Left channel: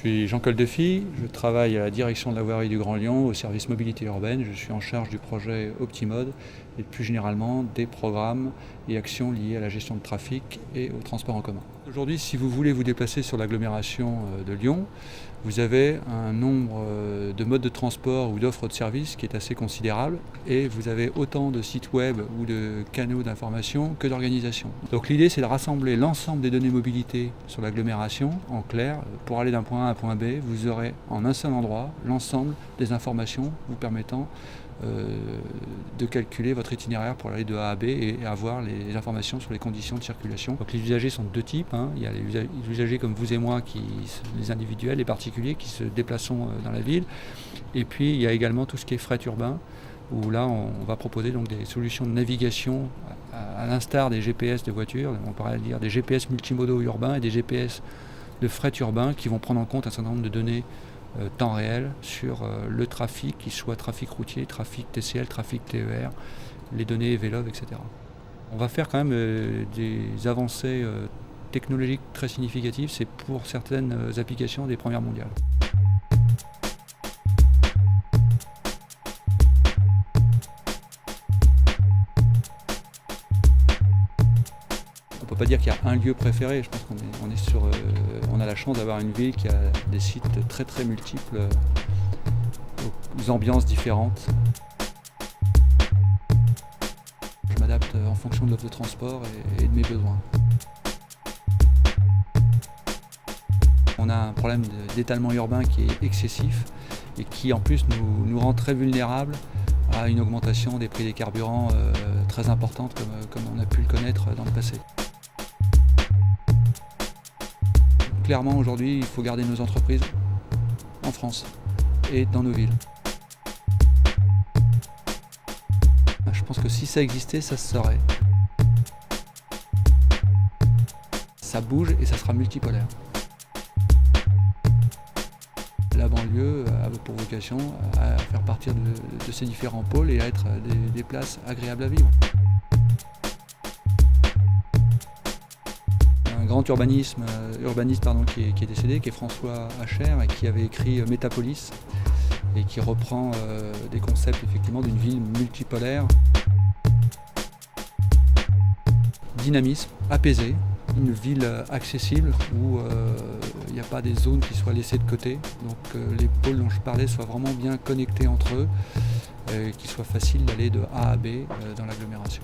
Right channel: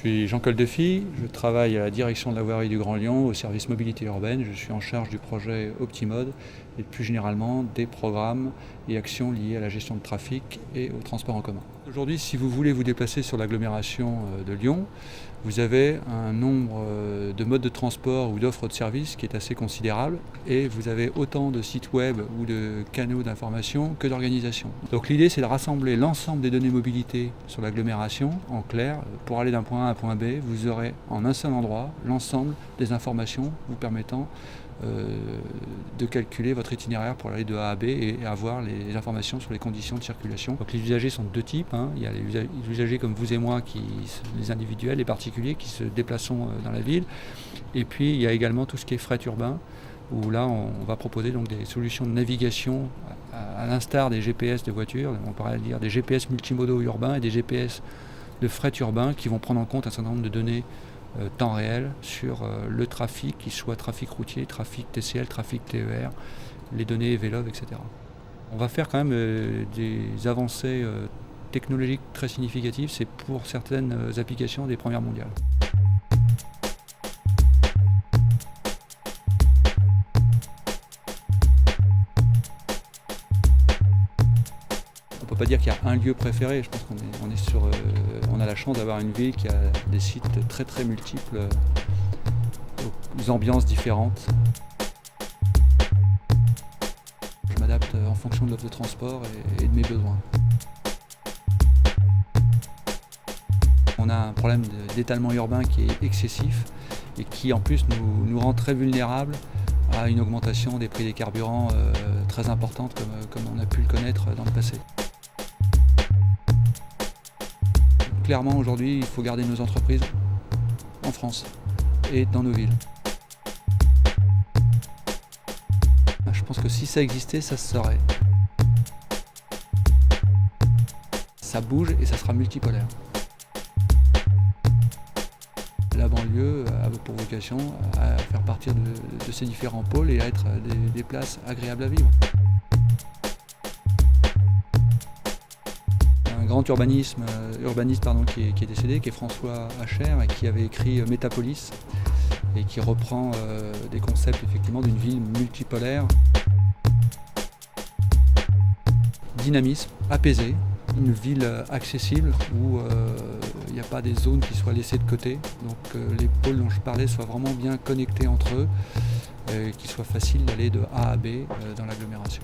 suis Jean Coldefy, je travaille à la direction de la voirie du Grand Lyon au service mobilité urbaine. Je suis en charge du projet Optimode et plus généralement des programmes et actions liées à la gestion de trafic et au transport en commun. Aujourd'hui, si vous voulez vous déplacer sur l'agglomération de Lyon, vous avez un nombre de modes de transport ou d'offres de services qui est assez considérable et vous avez autant de sites web ou de canaux d'information que d'organisations. Donc l'idée, c'est de rassembler l'ensemble des données mobilité sur l'agglomération. En clair, pour aller d'un point A à un point B, vous aurez en un seul endroit l'ensemble des informations vous permettant de calculer votre itinéraire pour aller de A à B et avoir les informations sur les conditions de circulation. Donc les usagers sont de deux types. Il y a les usagers comme vous et moi, les individuels, les particuliers qui se déplacent dans la ville. Et puis il y a également tout ce qui est fret urbain, où là on va proposer donc des solutions de navigation à l'instar des GPS de voitures. On pourrait dire des GPS multimodaux urbains et des GPS de fret urbain qui vont prendre en compte un certain nombre de données temps réel sur le trafic, qu'il soit trafic routier, trafic TCL, trafic TER, les données Vélov, etc. On va faire quand même des avancées technologiques très significatives. C'est pour certaines applications des premières mondiales. On ne peut pas dire qu'il y a un lieu préféré. Je pense on a la chance d'avoir une ville qui a des sites très très multiples, aux ambiances différentes. Je m'adapte en fonction de l'offre de transport et de mes besoins. On a un problème d'étalement urbain qui est excessif et qui en plus nous rend très vulnérables à une augmentation des prix des carburants très importante comme on a pu le connaître dans le passé. Clairement, aujourd'hui, il faut garder nos entreprises en France et dans nos villes. Je pense que si ça existait, ça se saurait. Ça bouge et ça sera multipolaire. La banlieue a pour vocation à faire partir de ces différents pôles et à être des places agréables à vivre. Un grand urbaniste qui est décédé, qui est François Hacher, et qui avait écrit Métapolis et qui reprend des concepts effectivement d'une ville multipolaire. Dynamisme, apaisé, une ville accessible où il n'y a pas des zones qui soient laissées de côté, donc les pôles dont je parlais soient vraiment bien connectés entre eux, qu'il soit facile d'aller de A à B dans l'agglomération.